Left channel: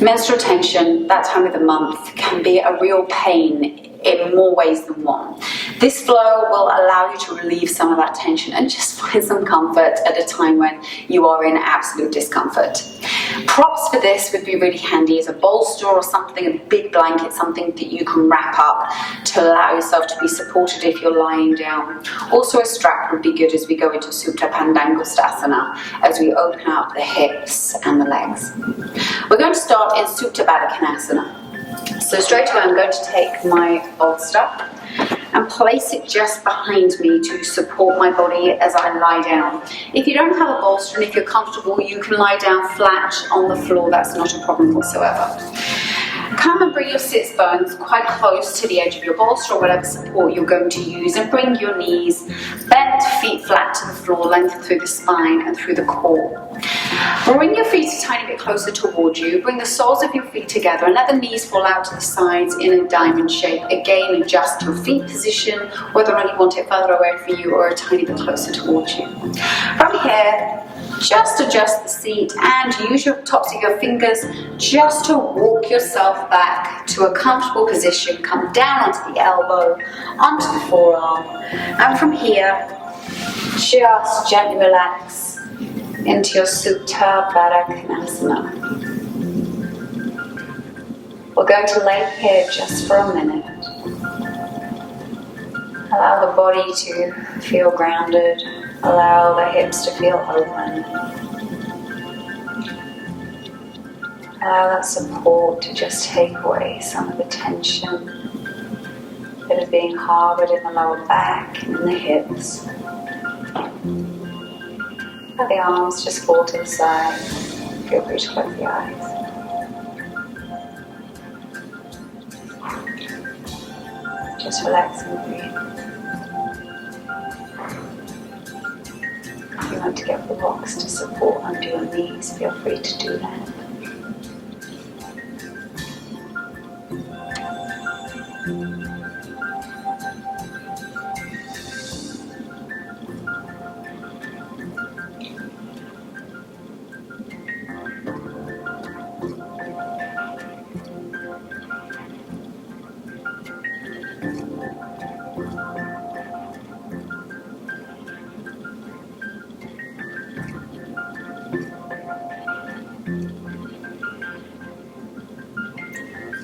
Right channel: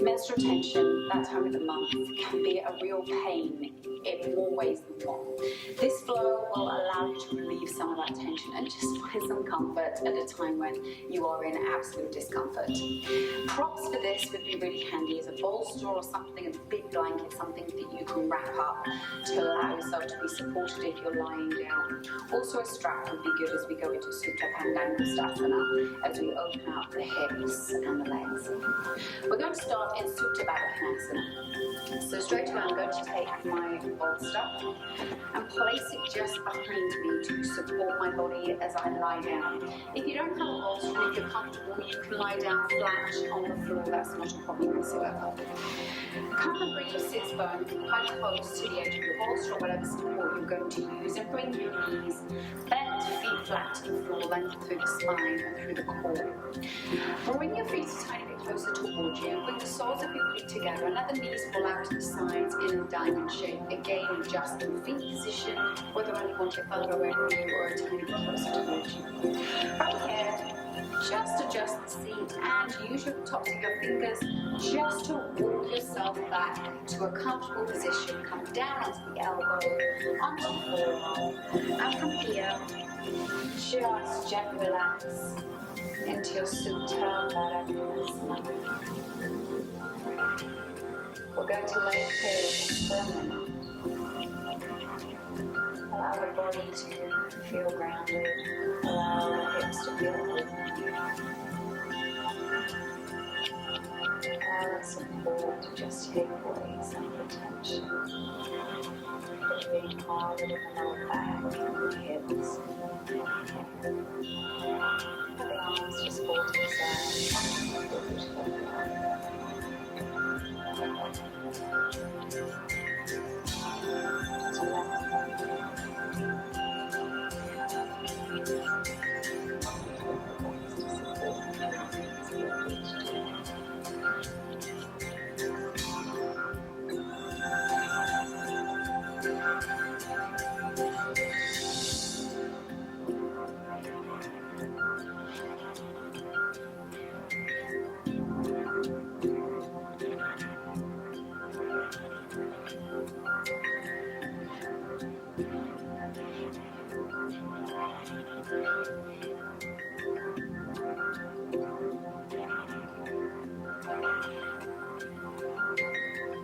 Menstrual tension, that time of the month, can be a real pain in more ways than one. This flow will allow you to relieve some of that tension and just find some comfort at a time when you are in absolute discomfort. Props for this would be really handy as a bolster or something, a big blanket, something that you can wrap up to allow yourself to be supported if you're lying down. Also a strap would be good as we go into Sutabada Kanasana, as we open up the hips and the legs. We're going to start in Sutabada Kanasana. So straight away I'm going to take my bolster and place it just behind me to support my body as I lie down. If you don't have a bolster and if you're comfortable, you can lie down flat on the floor, that's not a problem whatsoever. Come and bring your sits bones quite close to the edge of your bolster or whatever support you're going to use, and bring your knees bent, feet flat to the floor, length through the spine and through the core. Bring your feet a tiny bit closer towards you, bring the soles of your feet together and let the knees fall out to the sides in a diamond shape. Again, adjust your feet position, whether or not you want it further away from you or a tiny bit closer towards you. From here, just adjust the seat and use your tops of your fingers just to walk yourself back to a comfortable position. Come down onto the elbow, onto the forearm, and from here, just gently relax into your Sutabada Kanasana. We're going to lay here just for a minute. Allow the body to feel grounded. Allow the hips to feel open. Allow that support to just take away some of the tension that is being harbored in the lower back and in the hips. Let the arms just fall to the side. Feel free to close the eyes. Just relax and breathe. If you want to get the blocks to support under your knees, feel free to do that.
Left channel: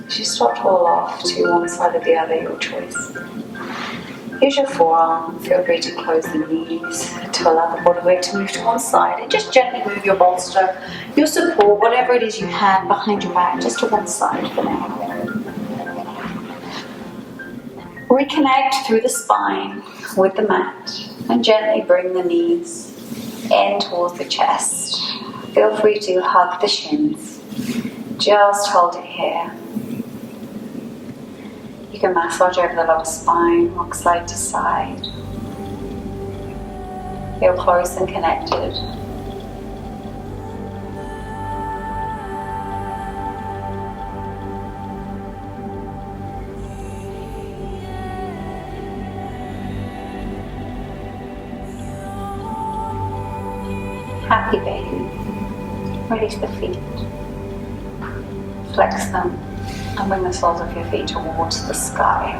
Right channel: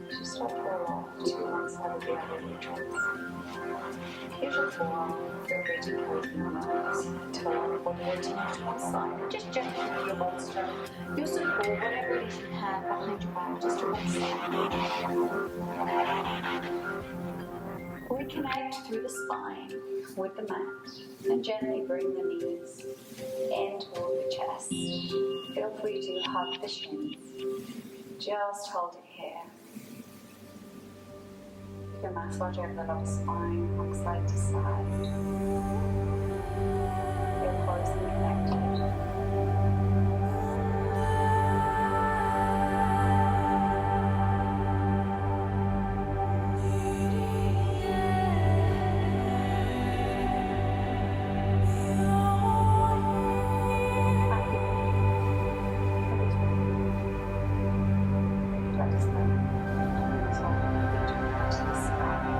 As you start to roll off to one side or the other, your choice. Use your forearm, feel free to close the knees to allow the body weight to move to one side, and just gently move your bolster, your support, whatever it is you have behind your back, just to one side for now. Reconnect through the spine with the mat and gently bring the knees in towards the chest. Feel free to hug the shins. Just hold it here. You can massage over the lower spine, rock side to side. Feel close and connected. Happy baby. Release the feet. Flex them. And bring the soles of your feet towards the sky.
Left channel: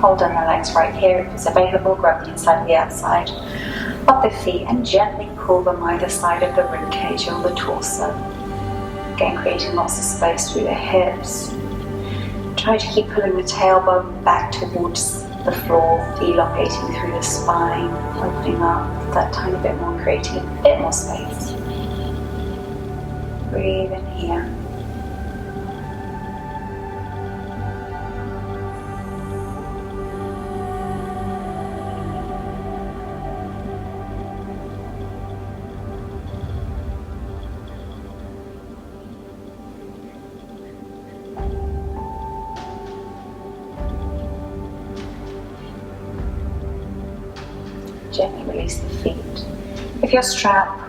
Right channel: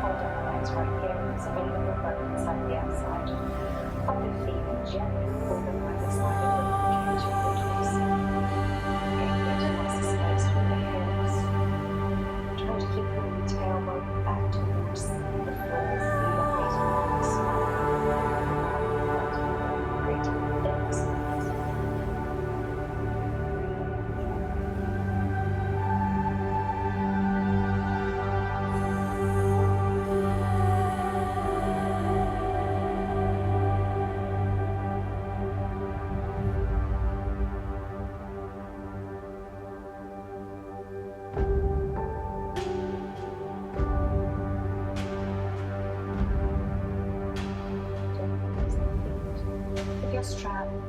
Hold on your legs right here. If it's available, grab the inside and the outside of the feet and gently pull them either side of the ribcage or the torso. Again, creating lots of space through the hips. Try to keep pulling the tailbone back towards the floor, elongating through the spine, opening up that tiny bit more, creating a bit more space. Breathe in here. Gently release the feet. If your strap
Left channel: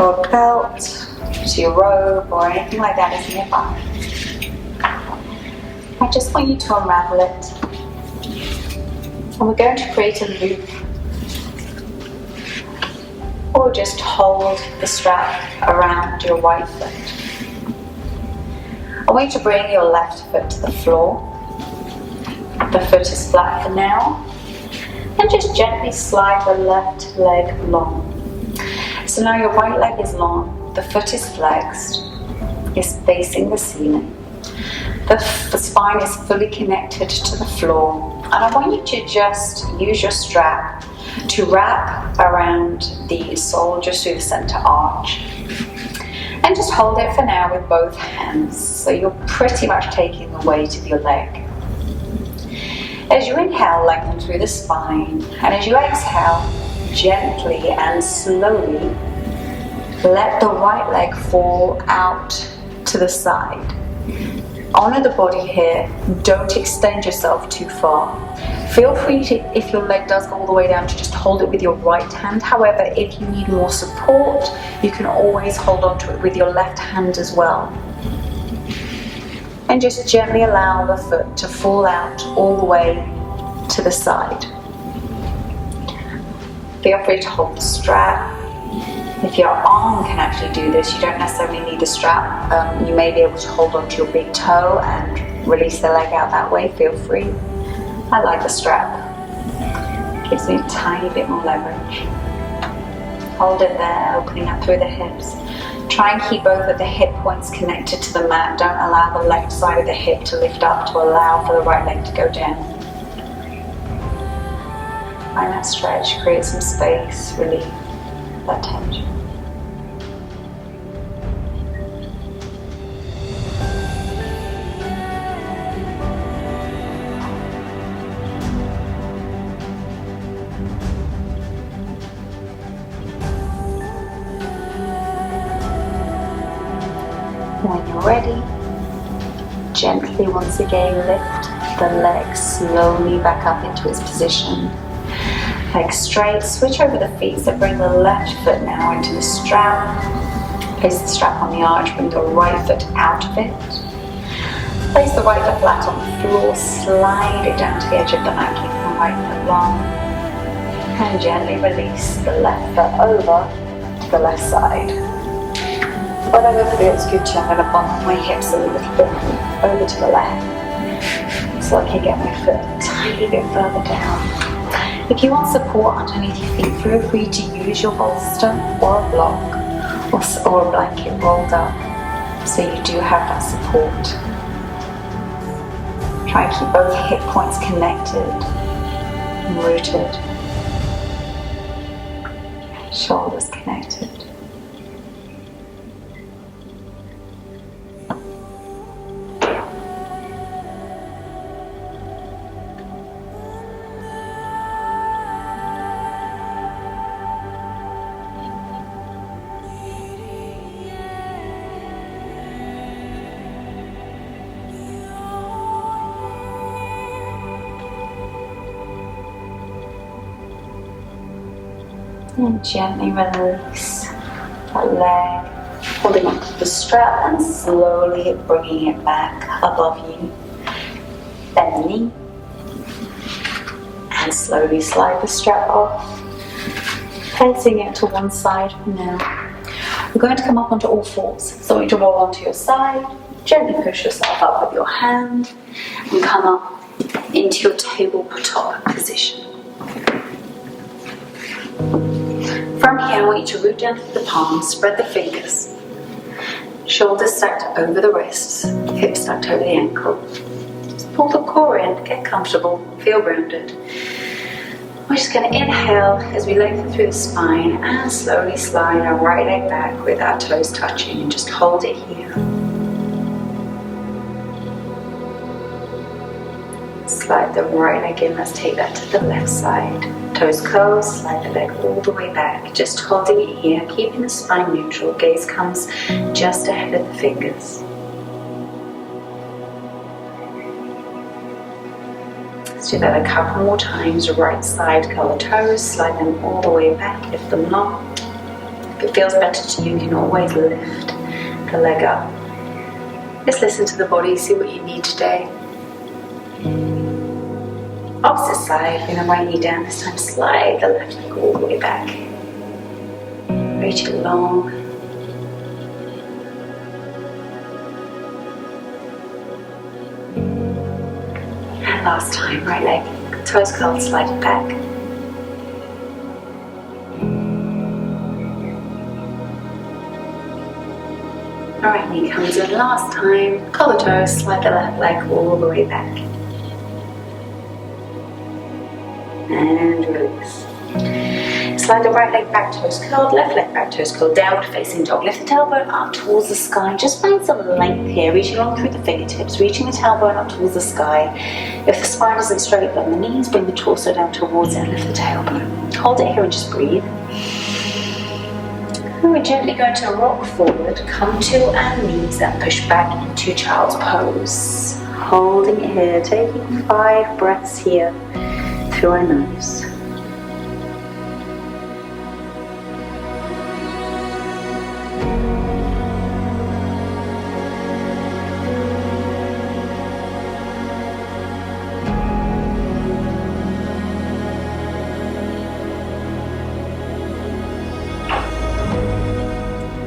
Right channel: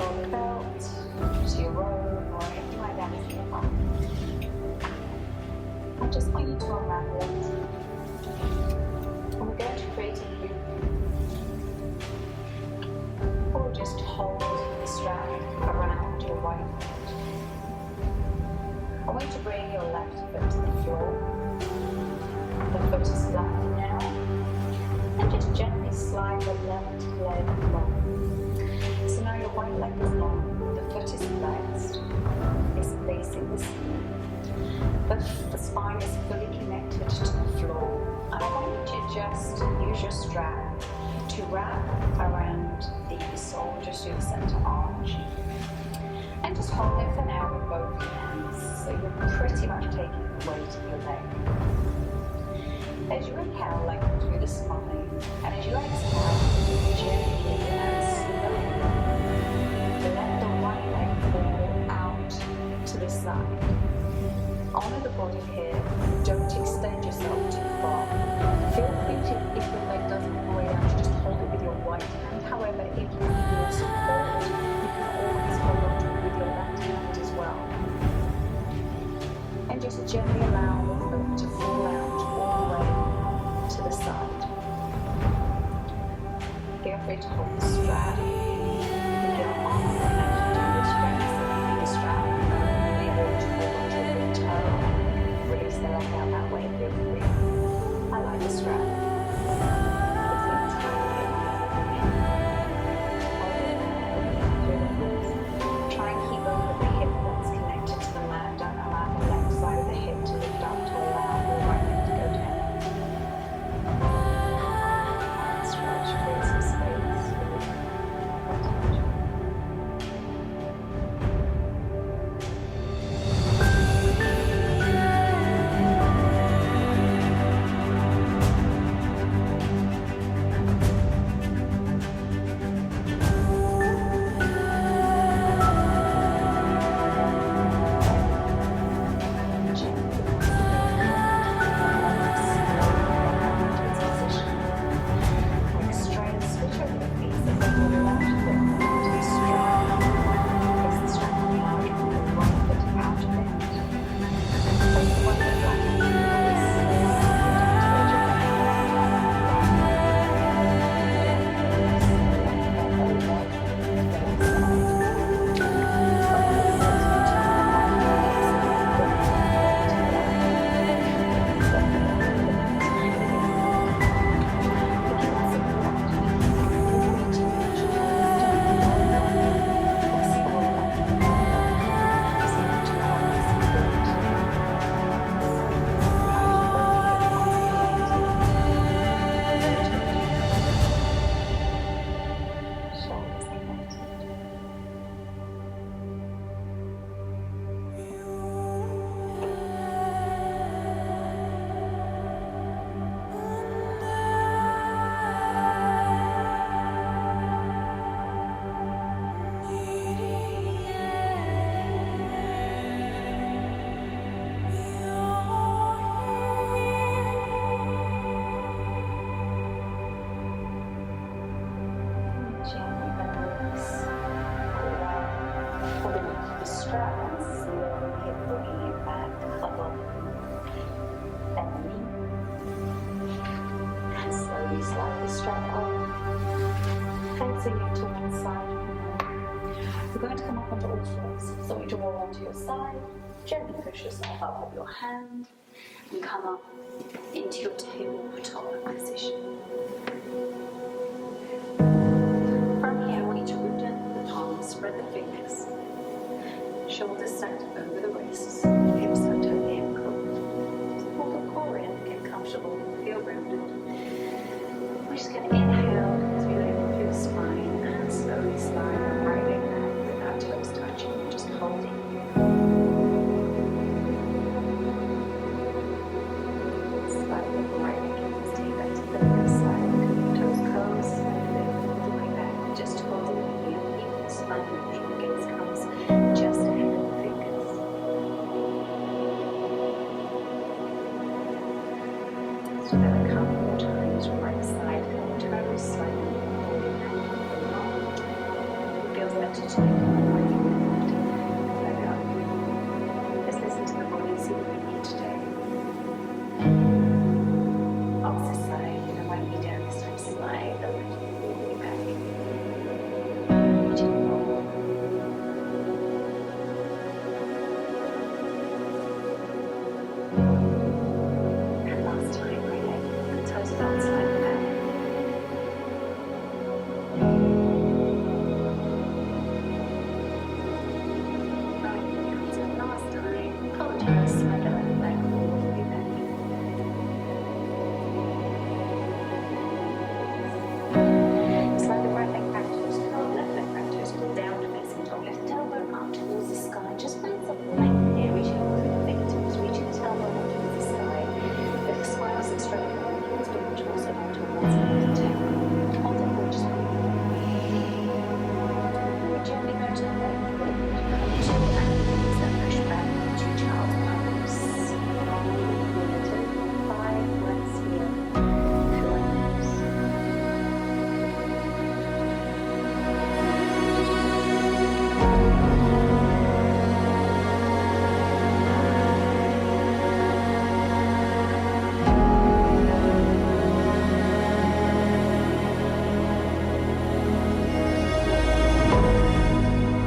or belt to your robe or anything like that is nearby, I just want you to unravel it. And we're going to create a loop. Or just hold the strap around your right foot. I want you to bring your left foot to the floor. The foot is flat for now. And just gently slide the left leg long. So now your right leg is long, the foot is flexed, is facing the ceiling. The spine is fully connected to the floor. And I want you to just use your strap to wrap around the sole just through the center arch. And just hold it for now with both hands. So you're pretty much taking the weight of your leg. As you inhale, lengthen through the spine. And as you exhale, gently and slowly, let the right leg fall out to the side. Honor the body here. Don't extend yourself too far. Feel free to, if your leg does go all the way down, to just hold it with your right hand. However, if you need more support, you can always hold on to it with your left hand as well. And just gently allow the foot to fall out all the way to the side. Feel free to hold the strap. If your arm can actually do this, you don't necessarily need a strap. You may be able to hold onto your big toe and release the leg out that way. Feel free. I like the strap. Gives me a tiny bit more leverage. Hold it there, opening up through the hips. Try and keep both of the hip points connected to the mat. Don't allow the left side of the hip to lift up to allow for the right leg to go down. Find that stretch, create some space, relief that tension. When you're ready, gently once again lift the leg slowly back up into its position. Leg straight, switch over the feet, so bring the left foot now into the strap. Place the strap on the arch, bring the right foot out of it. Place the right foot flat on the floor, slide it down to the edge of the mat, keeping the right foot long. And gently release the left foot over to the left side. Whatever feels good to, I'm going to bump my hips a little bit over to the left. So I can get my foot a tiny bit further down. If you want support underneath your feet, feel free to use your bolster or a block or a blanket rolled up so you do have that support. Try and keep both hip points connected and rooted. Shoulders connected. And gently release that leg, holding onto the strap and slowly bringing it back above you. Bend the knee and slowly slide the strap off, placing it to one side for now. We're going to come up onto all fours. So I want you to roll onto your side, gently push yourself up with your hand and come up into your tabletop position. From here, I want you to root down through the palms, spread the fingers. Shoulders stacked over the wrists, hips stacked over the ankle. Just pull the core in, get comfortable, feel grounded. We're just going to inhale as we lengthen through the spine and slowly slide our right leg back with our toes touching and just hold it here. Slide the right leg in, let's take that to the left side. Toes curl, slide the leg all the way back, just holding it here, keeping the spine neutral. Gaze comes just ahead of the fingers. Let's do that a couple more times. Right side, curl the toes, slide them all the way back, lift them long. If it feels better to you, you can always lift the leg up. Just listen to the body, see what you need today. Opposite side, bring the right knee down, this time slide the left leg all the way back. Reach it long. time, right leg. Toes curled, slide it back. Alright, knee comes in last time. Curl the toes, slide the left leg all the way back. And release. Slide the right leg back, toes curled, left leg back, toes curled, downward facing dog. Lift the tailbone up towards the sky. Just find some length here, reaching along through the fingertips, reaching the tailbone up towards the sky. If the spine isn't straight, bend the knees, bring the torso down towards it, and lift the tailbone. Hold it here and just breathe. And we're gently going to rock forward, come to our knees and push back into child's pose. Holding it here, taking 5 breaths here through our nose.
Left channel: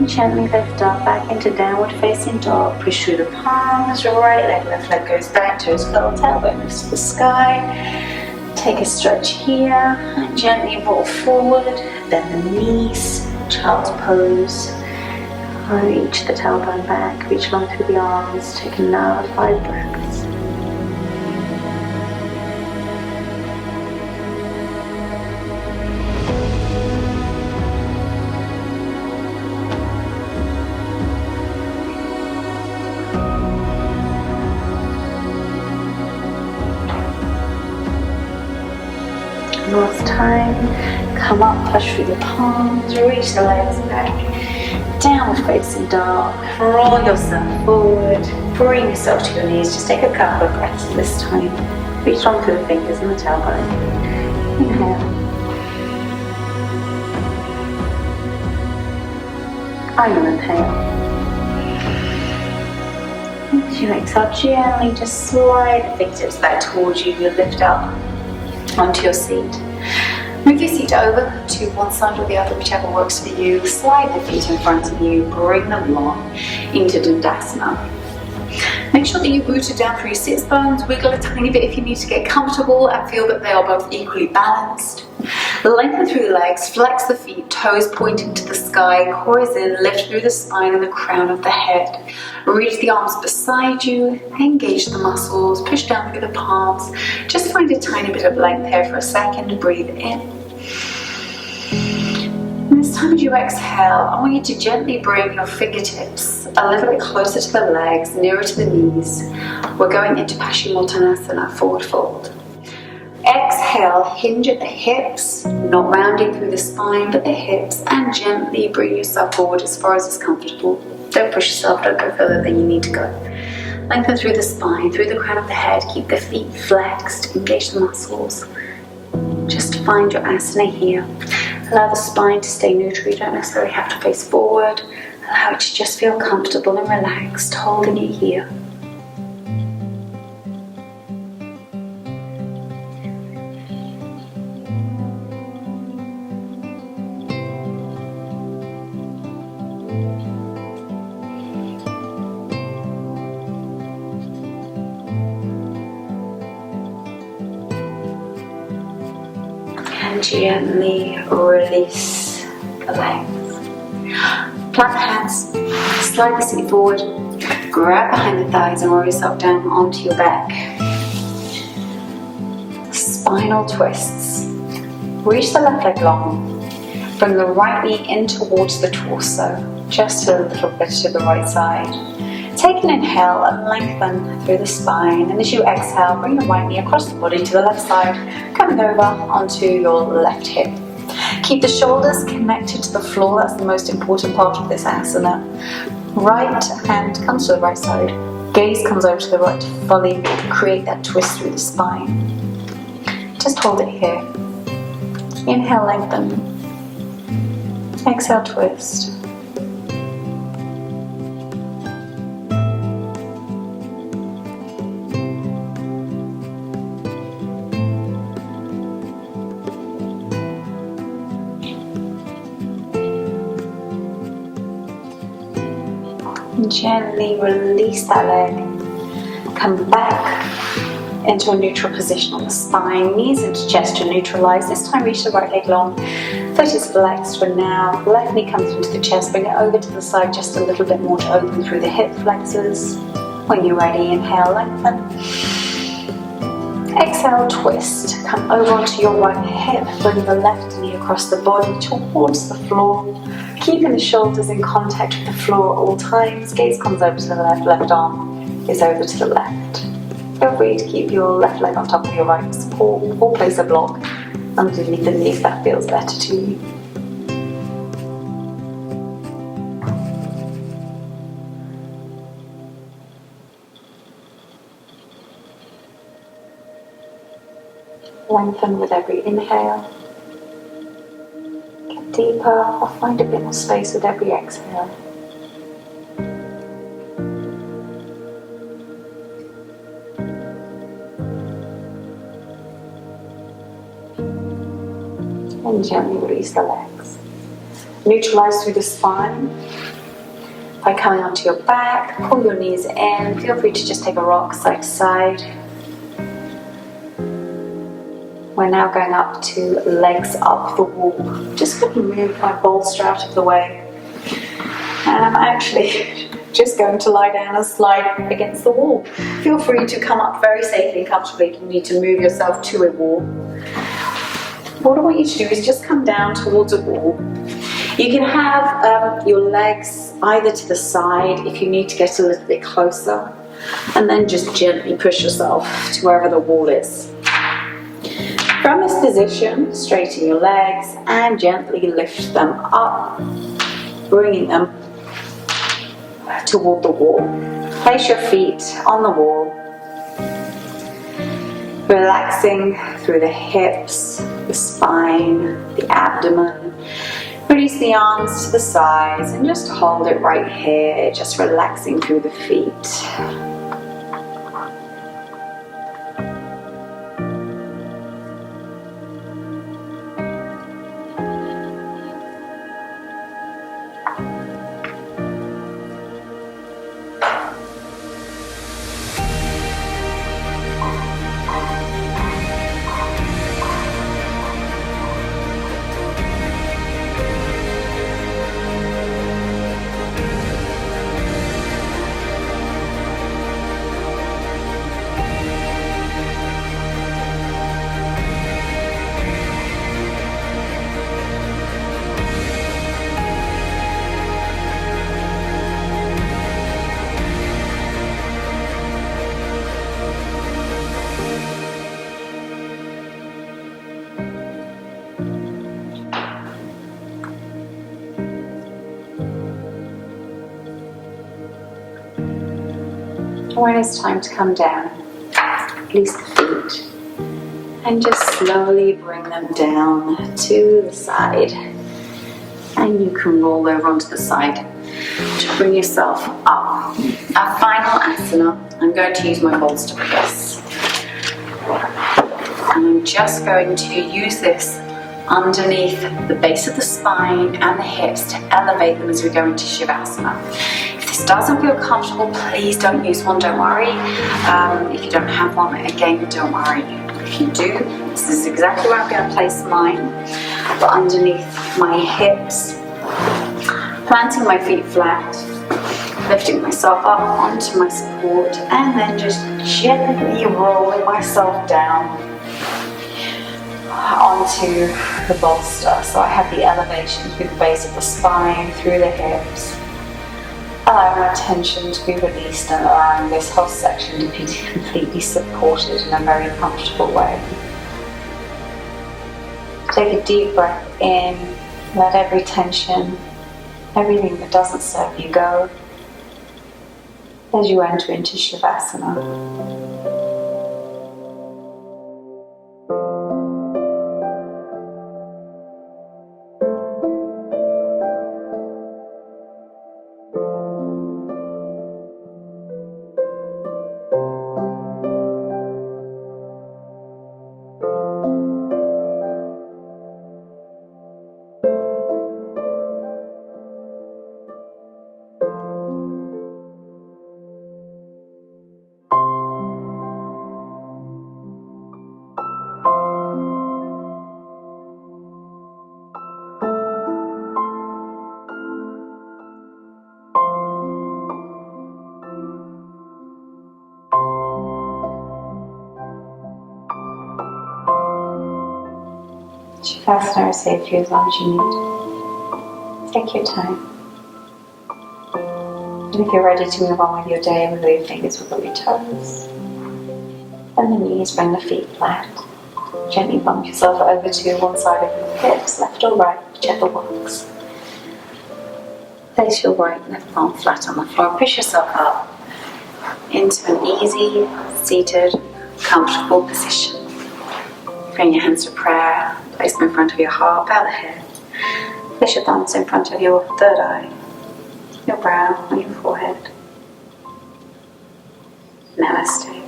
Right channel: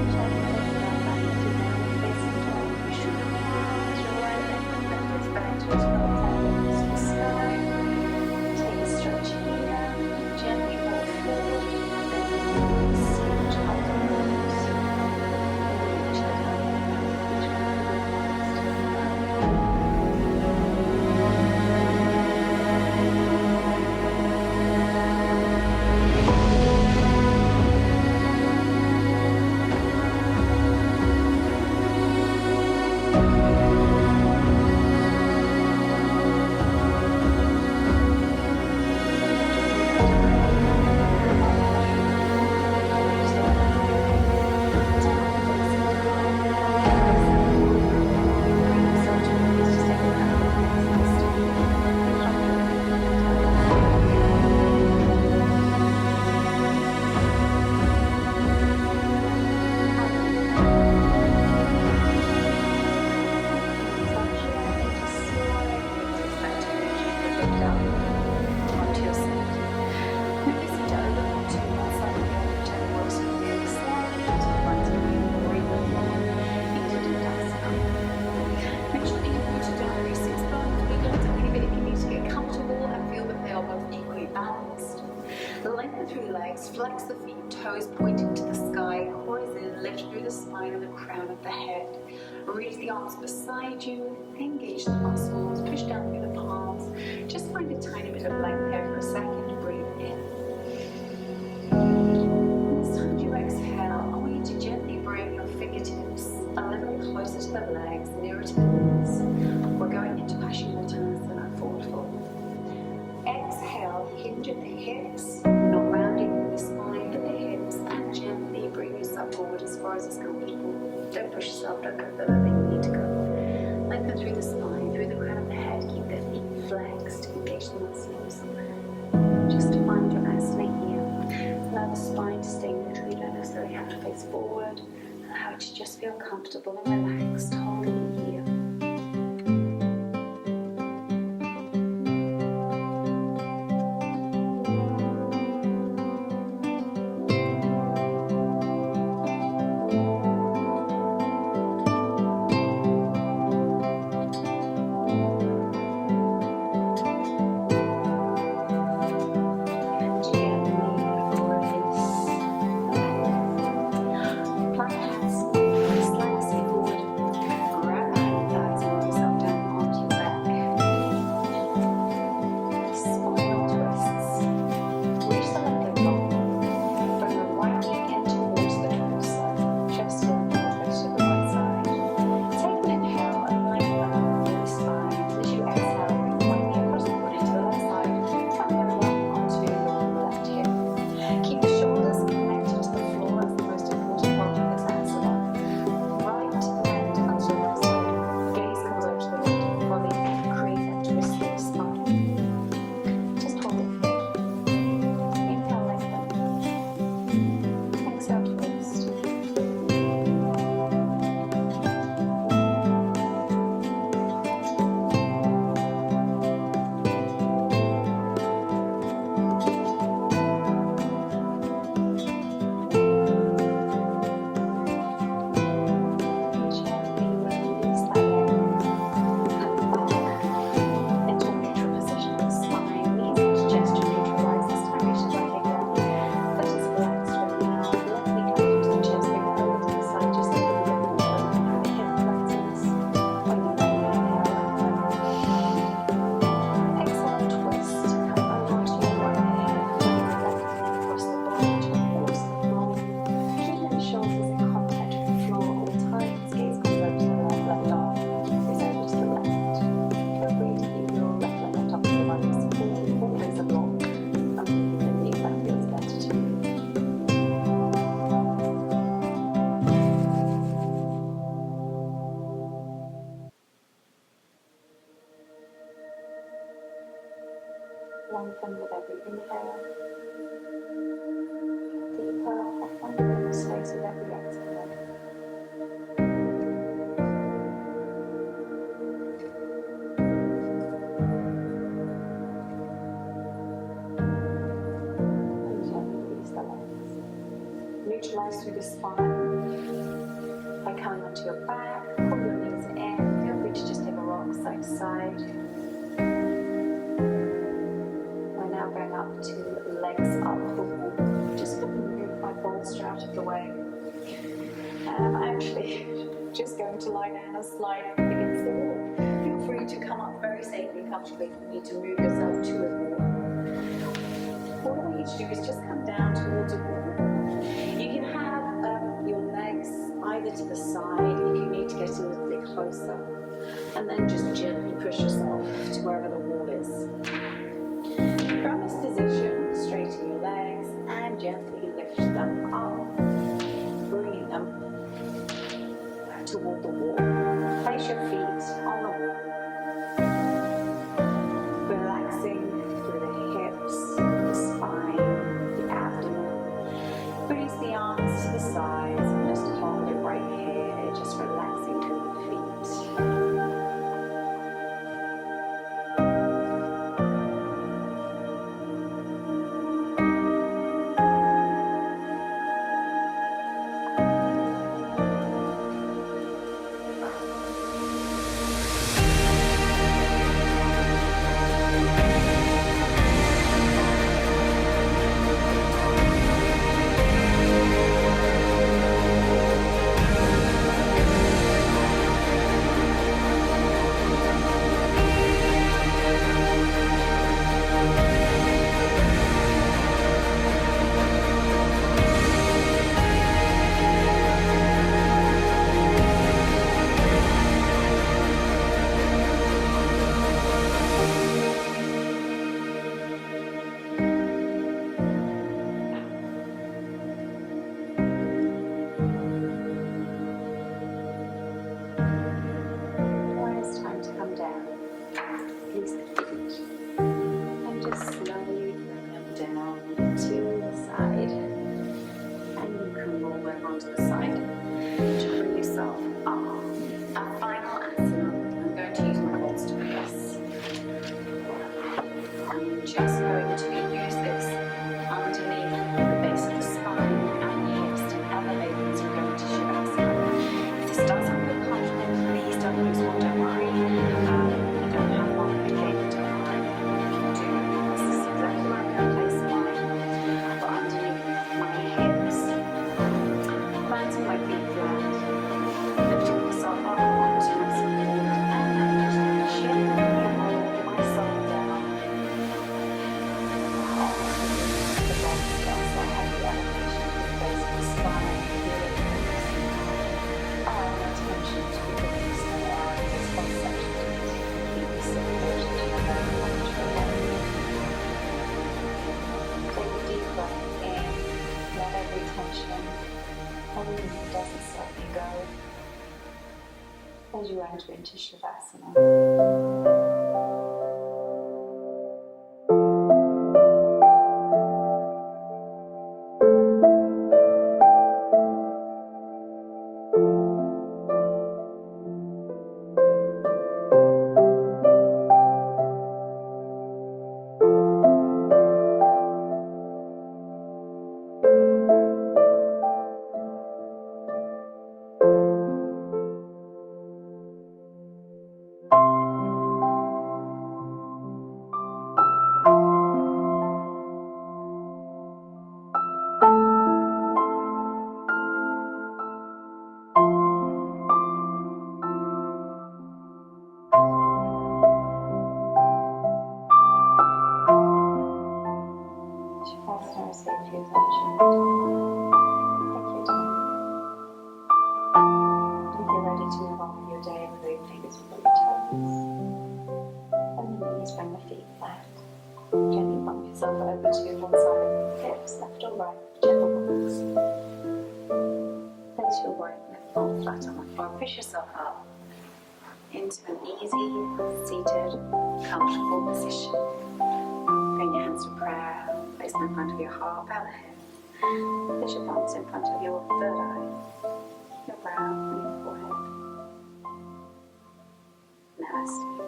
Gently lift up back into downward facing dog. Push through the palms, right leg, left leg goes back, toes curled, tailbone lifts to the sky. Take a stretch here and gently roll forward, bend the knees, child's pose. Reach the tailbone back, reach along through the arms, take another 5 breaths. Last time, come up, push through the palms, reach the legs back, downward facing dog, roll yourself forward, bring yourself to your knees, just take a couple of breaths this time, reach on through the fingers and the tailbone, inhale, final inhale, as you exhale gently, just slide the fingertips back towards you, you lift up onto your seat. Move your seat over to one side or the other, whichever works for you. Slide the feet in front of you, bring them long into Dandasana. Make sure that you're rooted down through your sits bones, wiggle a tiny bit if you need to get comfortable and feel that they are both equally balanced. Lengthen through the legs, flex the feet, toes pointing to the sky, core is in, lift through the spine and the crown of the head. Reach the arms beside you, engage the muscles, push down through the palms. Just find a tiny bit of length here for a second, breathe in. And this time as you exhale, I want you to gently bring your fingertips a little bit closer to the legs, nearer to the knees. We're going into Paschimottanasana, forward fold. Exhale, hinge at the hips, not rounding through the spine, but the hips, and gently bring yourself forward as far as is comfortable. Don't push yourself, don't go further than you need to go. Lengthen through the spine, through the crown of the head, keep the feet flexed, engage the muscles. Just find your asana here. Allow the spine to stay neutral, you don't necessarily have to face forward. Allow it to just feel comfortable and relaxed, holding it here. Gently release the legs. Plant the hands, slide the seat forward, grab behind the thighs and roll yourself down onto your back. Spinal twists. Reach the left leg long. Bring the right knee in towards the torso, just a little bit to the right side. Take an inhale and lengthen through the spine, and as you exhale, bring the right knee across the body to the left side, coming over onto your left hip. Keep the shoulders connected to the floor, that's the most important part of this asana. Right hand comes to the right side, gaze comes over to the right to fully create that twist through the spine. Just hold it here. Inhale, lengthen. Exhale, twist. Gently release that leg, come back into a neutral position on the spine, knees into gesture neutralize. This time reach the right leg long, foot is flexed for now. Left knee comes into the chest, bring it over to the side just a little bit more to open through the hip flexors. When you're ready, inhale, lengthen. Exhale, twist. Come over onto your right hip, bring the left knee across the body towards the floor. Keeping the shoulders in contact with the floor at all times. Gaze comes over to the left, left arm is over to the left. Feel free to keep your left leg on top of your right support or place a block underneath the knee if that feels better to you. Lengthen with every inhale. Get deeper or find a bit more space with every exhale. And gently release the legs. Neutralize through the spine. By coming onto your back, pull your knees in. Feel free to just take a rock side to side. We're now going up to legs up the wall. Just going to move my bolster out of the way. And I'm actually just going to lie down and slide against the wall. Feel free to come up very safely and comfortably if you need to move yourself to a wall. What I want you to do is just come down towards a wall. You can have your legs either to the side if you need to get a little bit closer, and then just gently push yourself to wherever the wall is. From this position, straighten your legs and gently lift them up, bringing them toward the wall. Place your feet on the wall, relaxing through the hips, the spine, the abdomen. Release the arms to the sides and just hold it right here, just relaxing through the feet. When it's time to come down, release the feet and just slowly bring them down to the side. And you can roll over onto the side to bring yourself up. Our final asana, I'm going to use my bolster for this. And I'm just going to use this underneath the base of the spine and the hips to elevate them as we go into Shavasana. If this doesn't feel comfortable, please don't use one, don't worry. If you don't have one, again, don't worry. If you do, this is exactly where I'm going to place mine, but underneath my hips, planting my feet flat, lifting myself up onto my support, and then just gently rolling myself down onto the bolster. So I have the elevation through the base of the spine, through the hips, allowing my tension to be released and allowing this whole section to be completely supported in a very comfortable way. Take a deep breath in, let every tension, everything that doesn't serve you go as you enter into Shavasana. Shavasana is safe for you as long as you need. Take your time. And if you're ready to move on with your day, wiggle your fingers, wiggle your toes. And the knees, bring the feet flat. Gently bump yourself over to one side of your hips, left or right, whichever works. Place your right left palm flat on the floor. Push yourself up into an easy, seated, comfortable position. Bring your hands to prayer. Place them in front of your heart. Bow the head. Place your thumbs in front of your third eye, your brow, or your forehead. Namaste.